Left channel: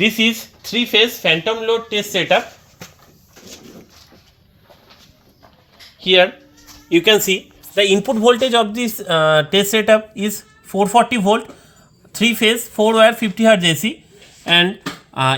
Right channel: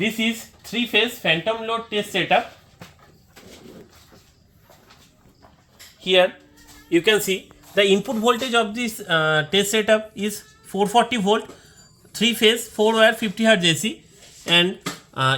this is 3-phase phantom load test setup. Here you can see the input voltage of this test setup is 440 volt, 3-phase 4-wire 50 Hz AC, and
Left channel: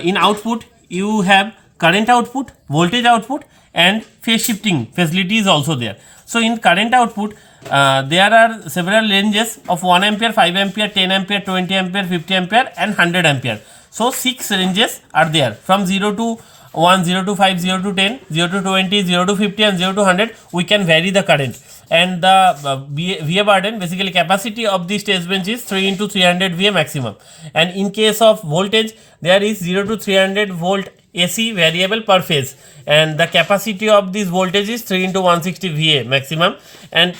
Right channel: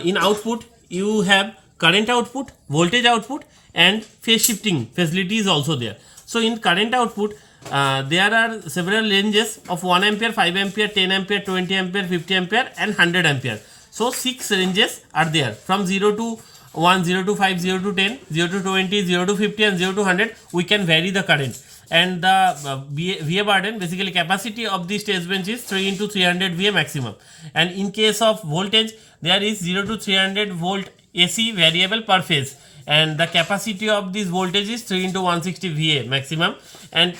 in output you have current output, voltage output, and phase shifting facility is also there. So in current output there are several ranges of 1 ampere, 5 ampere, 10 ampere, 20 ampere, 50 ampere, and 100 ampere. So 6 ranges are there from 0 to 1, 0 to 5, 0 to 10, 0 to 20, 0 to 50, and 0 to 100. We can vary the current, and the VA burden, basically capacity of this test bench is 3 into 300 VA maximum. And in case of voltage, there is 0 to 300 volt AC variable per phase, and the capacity of this voltage is 3 into 160 VA maximum. And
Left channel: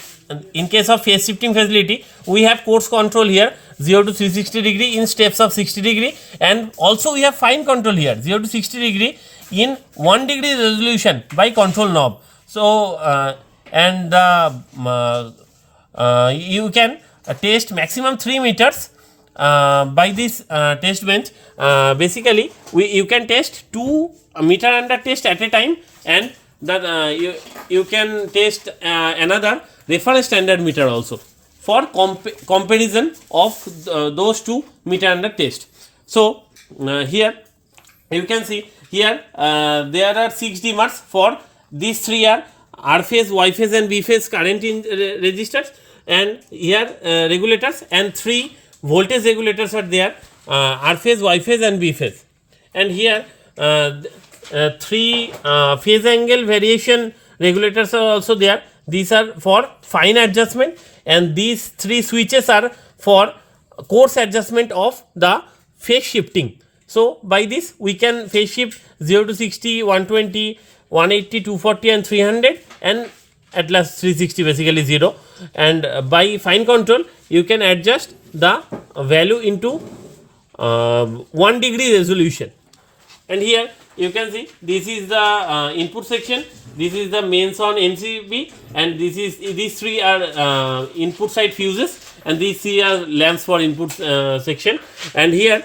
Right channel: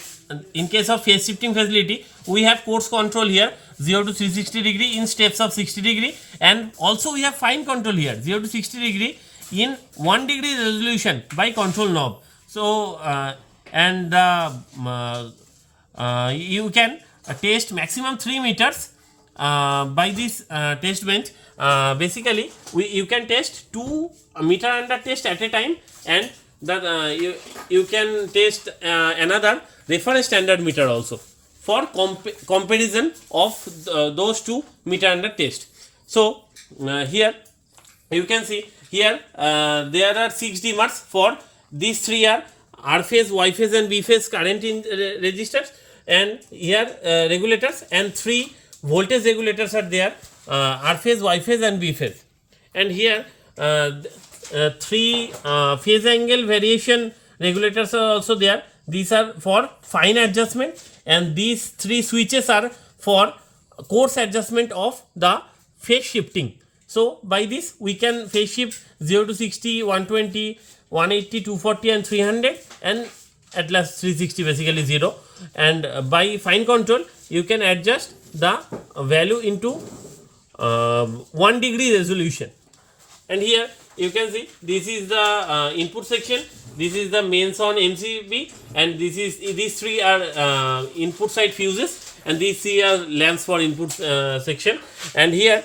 in case of phase shifting facility, we have coarse control here, 0 to 360 degree in steps of 60 degree, and also we have fine control here, 0 to 60 degree in 1 degree resolution by control knob. So you can test maximum 3 meters by this test bench. Basically you can test 2 meter under test at a time, and that you can test another reference standard meter also for comparison of those 2 meter under test. So here you can see here there are 6 dimmers for these 3 are R phase, Y phase, and B phase current in resistors, and here regulators, and 3 voltage regulators are there, R phase, Y phase, and B phase. And here 3 phase angle variation regulators are also there. These are for fine adjustment, and these 3 switches are for coarse adjustment of the phase shifting. So by this we can phase shift 0 to 60, 120, 180, 240, and 300, and at last 360, basically 0. And by fine control you can adjust the value into 1 degree resolution. And here you can see this is the input section, this is the mains on MCB, and these 3 are input side fuses, and these 3 are lamps for input section. And here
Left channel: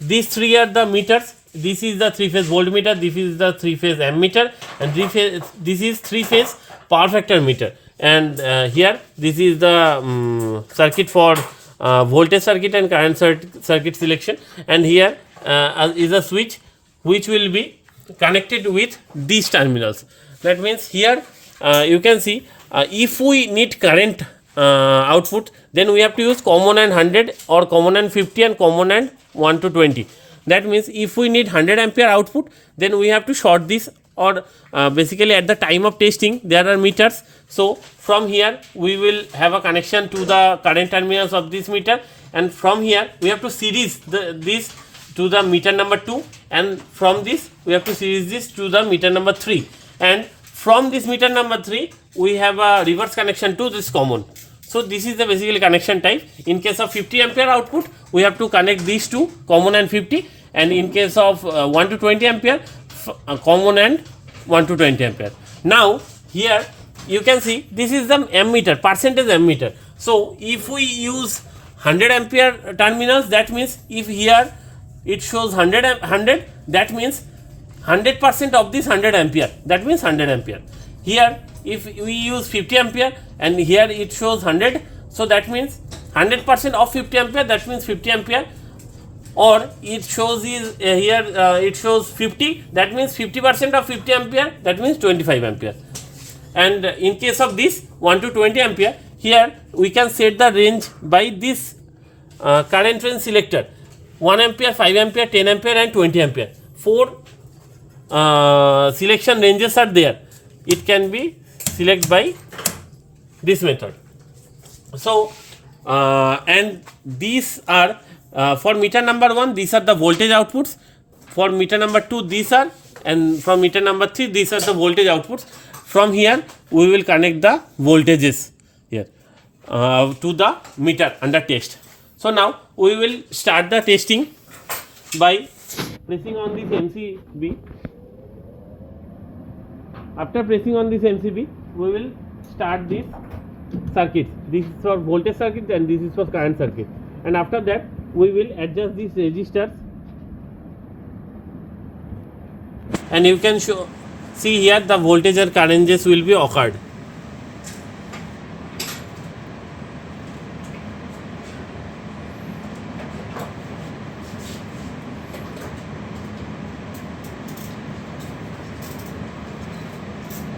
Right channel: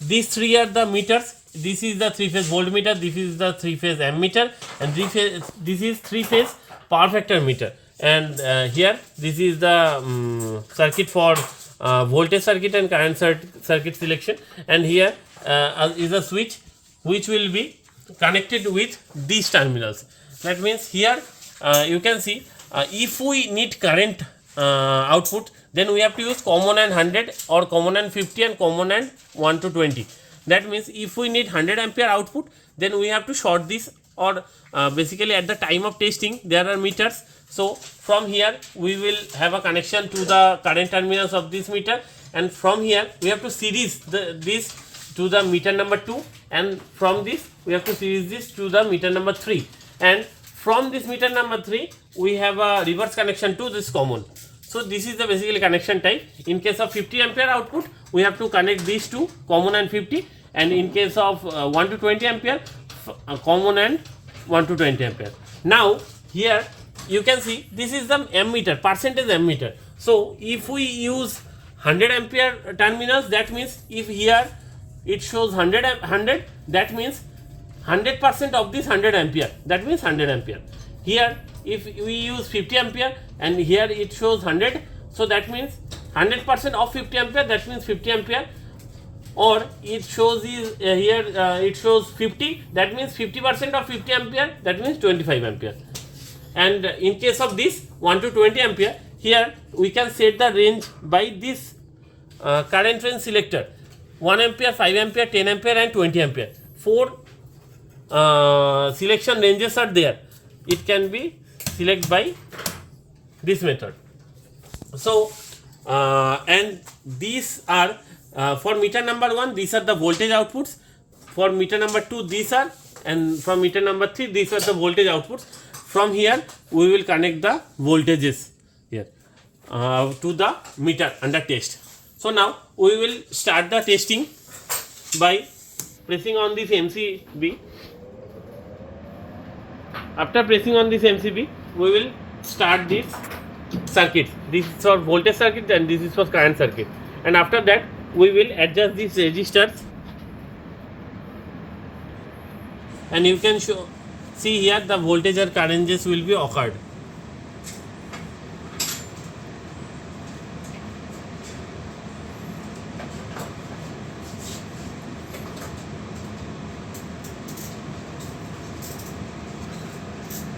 these 3 are the meters. This is the 3-phase voltmeter, this is the 3-phase ammeter, and this is 3-phase power factor meter. And here this is the circuit for voltage circuit and current circuit selection. And here is a switch which will be connected with these terminals. That means here you can see if we need current output, then we have to use common and 100, or common and 50, and common and 1 to 20. That means if we need 100 ampere output, then we have to short this, or basically at the time of testing there are meters. So from here we will have a connection to the current terminals of this meter, and from here we have to series this to the meter number 2, and from this we have to series this to the meter number 3, and from this meter number 3 we have a reverse connection to this common. So this is the basically connection type. In case of 50 ampere output, we have to connect these two, common and 50, and in case of 1 to 20 ampere, common and 1 to 20 ampere. Now here you can see this is the ammeter, percentage ammeter. So if we use 100 ampere terminals, that means if here it shows 100, that means 100% of this 100 ampere, that means 100 ampere. Here if we use 50 ampere and here it shows 100, so that means 100% of 50 ampere, that means 50 ampere. Or it shows is here it shows 50, that means 50% of 50 ampere, that means 25 ampere. And in case of this 1 to 20 ampere, here we can set the range by this current range selector, 1 ampere, 5 ampere, 10 ampere, and 20 ampere. 4 selection ranges are there. It can be select by this method. So and these are for meter number 1, these are the voltage outputs. For meter number 2, these are, and from meter number 3, these are the voltage outputs. From here we will connect the voltages here to the meter under test. So now we will start the testing by pressing on this MCB. After pressing on this MCB, we will start this circuit. This is for voltage circuit and this is for current circuit. And after that we will adjust these resistors and you can see here the voltage or currents will be occurred.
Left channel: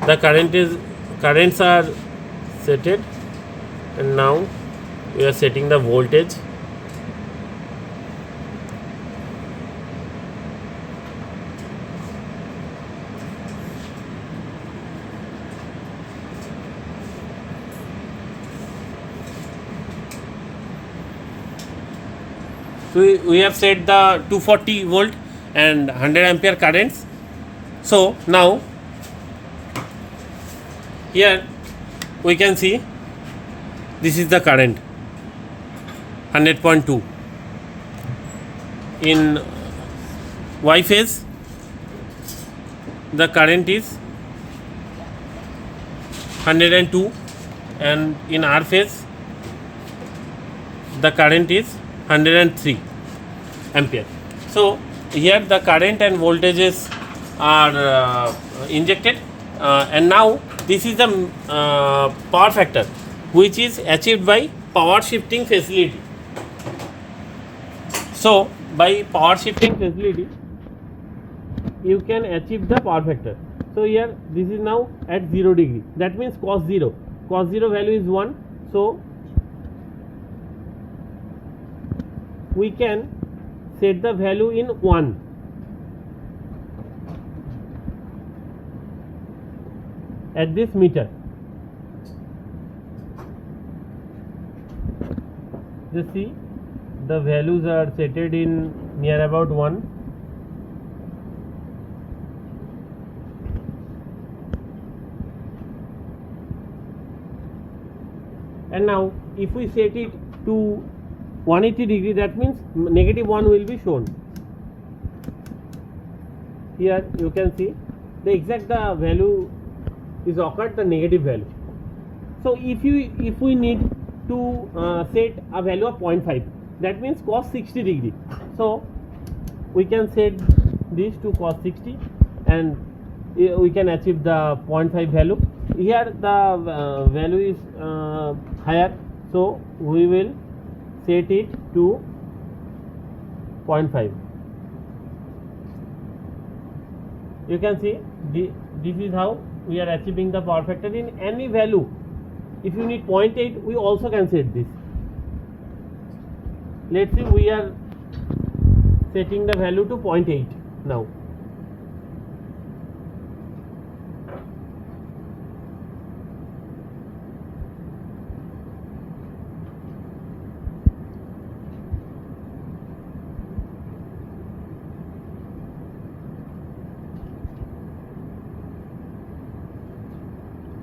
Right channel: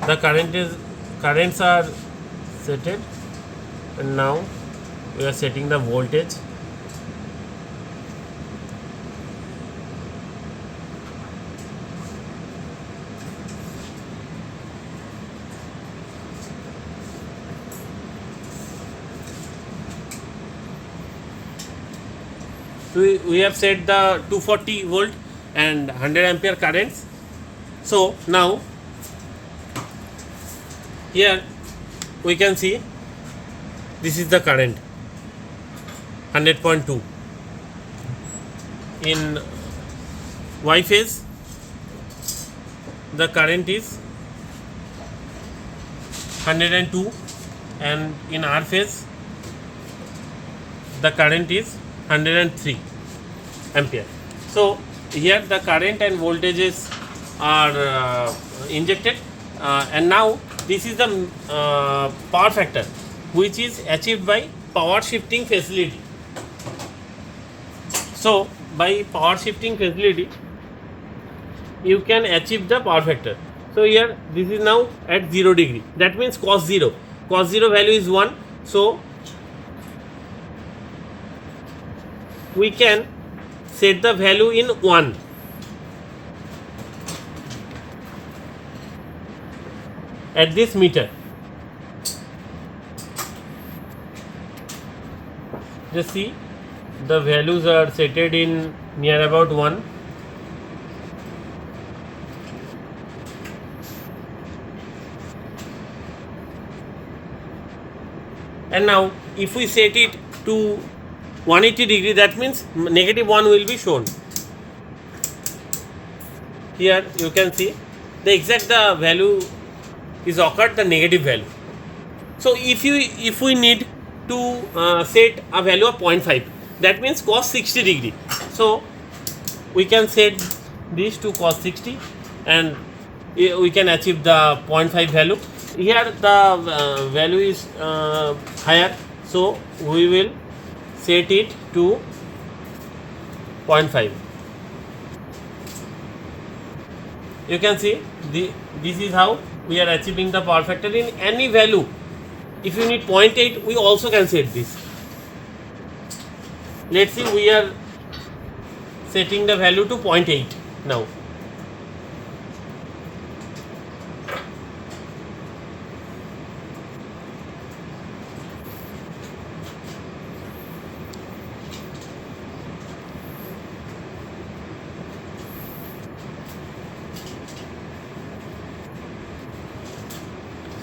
The currents are setted, and now we are setting the voltage. So we have set the 240 volt and 100 ampere currents. So now here we can see this is the current 100.2. In Y phase the current is 102, and in R phase the current is 103 ampere. So here the current and voltages are injected, and now this is the power factor which is achieved by power shifting facility. So by power shifting facility you can achieve the power factor. So here this is now at 0 degree, that means cos 0 value is 1. So we can set the value in 1. At this meter. Just see the values are set in near about 1. And now if we set it to 180 degree, that means -1 will be shown. Here you can see the exact value is occurred, the negative value. So if we need to set a value of 0.5, that means cos 60 degree. So we can set this to cos 60 and we can achieve the 0.5 value. Here the value is higher, so we will set it to 0.5. You can see this is how we are achieving the power factor in any value. If you need 0.8, we also can set this. Let's see, we are setting the value to 0.8 now.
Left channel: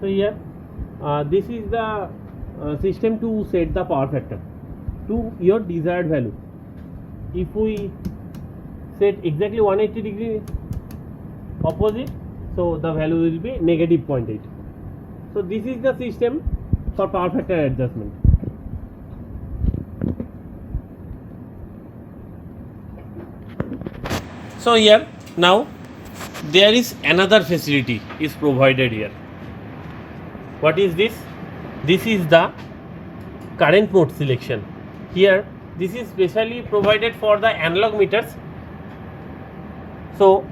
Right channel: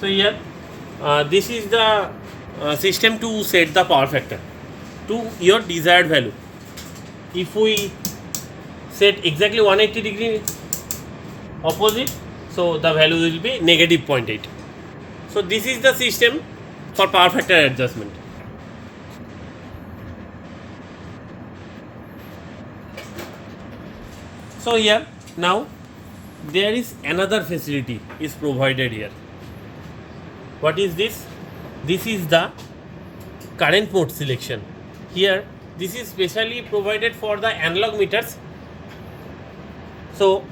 So here this is the system to set the power factor to your desired value. If we set exactly 180 degree opposite, so the value will be -0.8. So this is the system for power factor adjustment. So here now there is another facility is provided here. What is this? This is the current mode selection. Here this is specially provided for the analog meters. So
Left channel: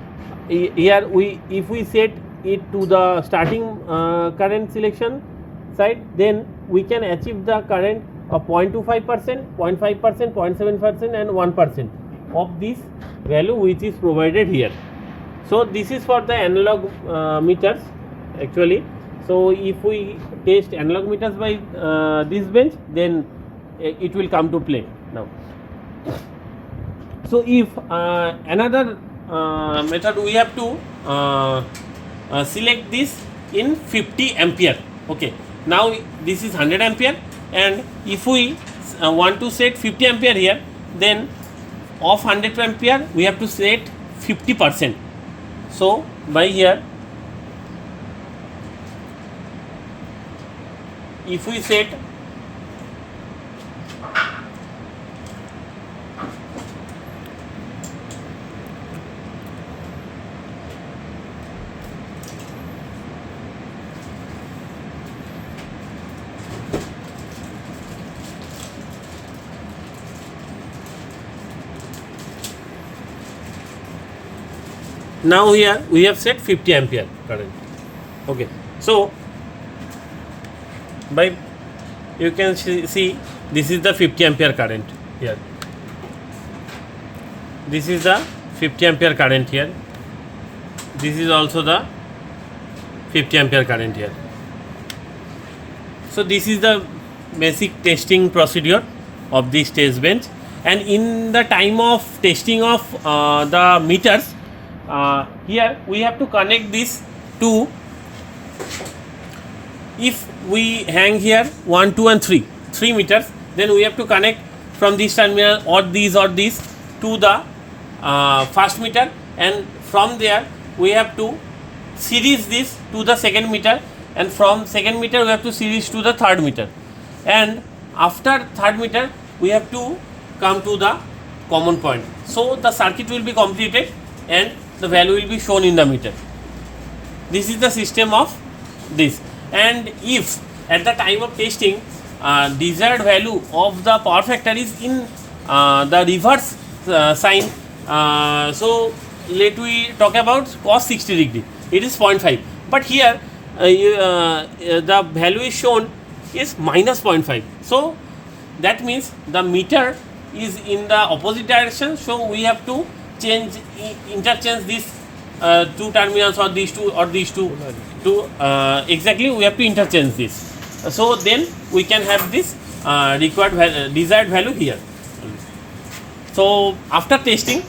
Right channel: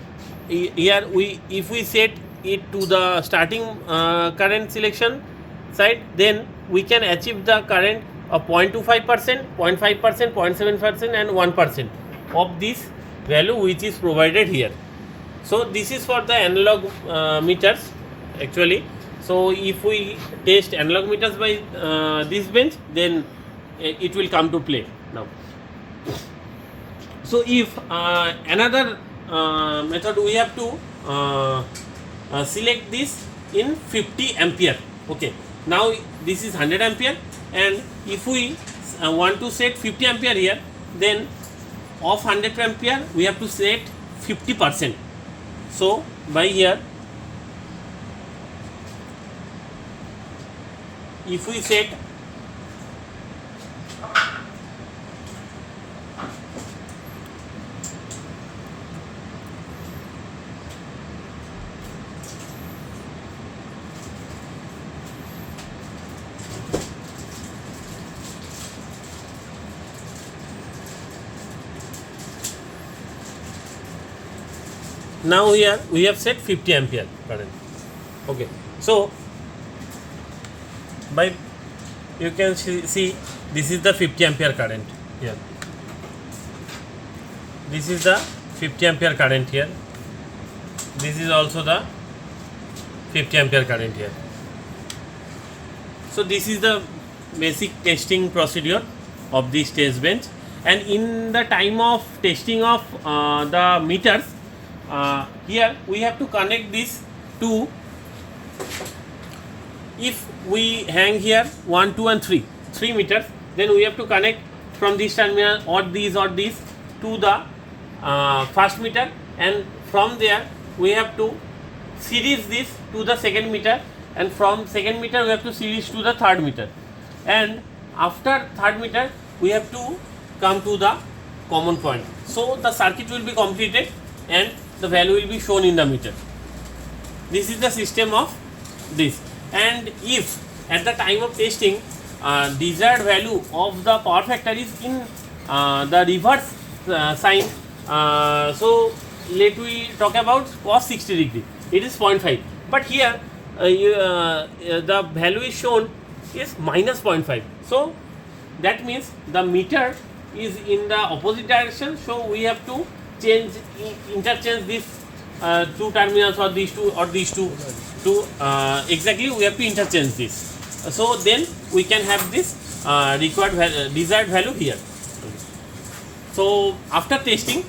here if we set it to the starting current selection side, then we can achieve the current of 0.25%, 0.5%, 0.7% and 1% of this value which is provided here. So this is for the analog meters actually. So if we test analog meters by this bench, then it will come to play now. So if another method, we have to select this in 50 ampere. Okay, now this is 100 ampere, and if we want to set 50 ampere here, then of 100 ampere we have to set 50%. So by here, if we set Now here we have set 50 ampere current. Okay, so by you can see this is the 50 ampere current here. This is the 50 ampere current here. This is also the 50 ampere current here. So this is the basic testing procedure of this test bench, and in the time of testing of the meters, here we have to connect this to, if we hang here 1, 2 and 3 meters, then we have to connect from this terminal or these to the first meter, and from there we have to series this to the second meter, and from second meter we have to series to the third meter, and after third meter we have to come to the common point. So the circuit will be completed and the value will be shown in the meter. This is the system of this. And if at the time of testing desired value of the power factor is in the reverse sign, so let we talk about cos 60 degree, it is 0.5, but here the value is shown is minus 0.5. So that means the meter is in the opposite direction, so we have to interchange these two terminals or these two to exactly we have to interchange this. So then we can have this desired value here. So after testing,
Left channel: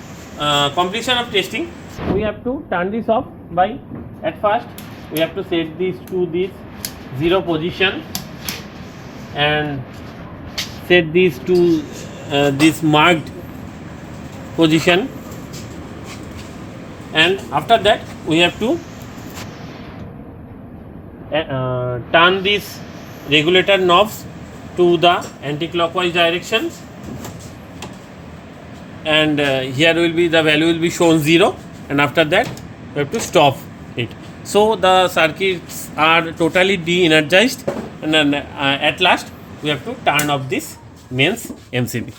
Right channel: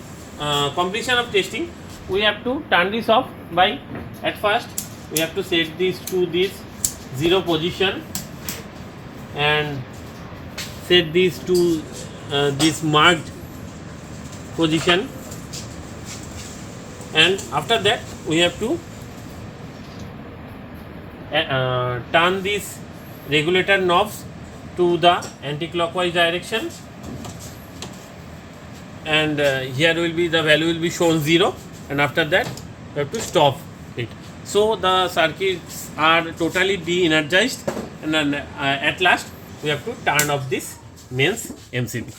completion of testing, we have to turn this off by, at first we have to set this to this 0 position and set this to this marked position, and after that we have to turn these regulator knobs to the anti-clockwise direction, and here will be the value will be shown 0, and after that we have to stop it. So the circuits are totally de-energized, and then at last we have to turn off this mains MCB.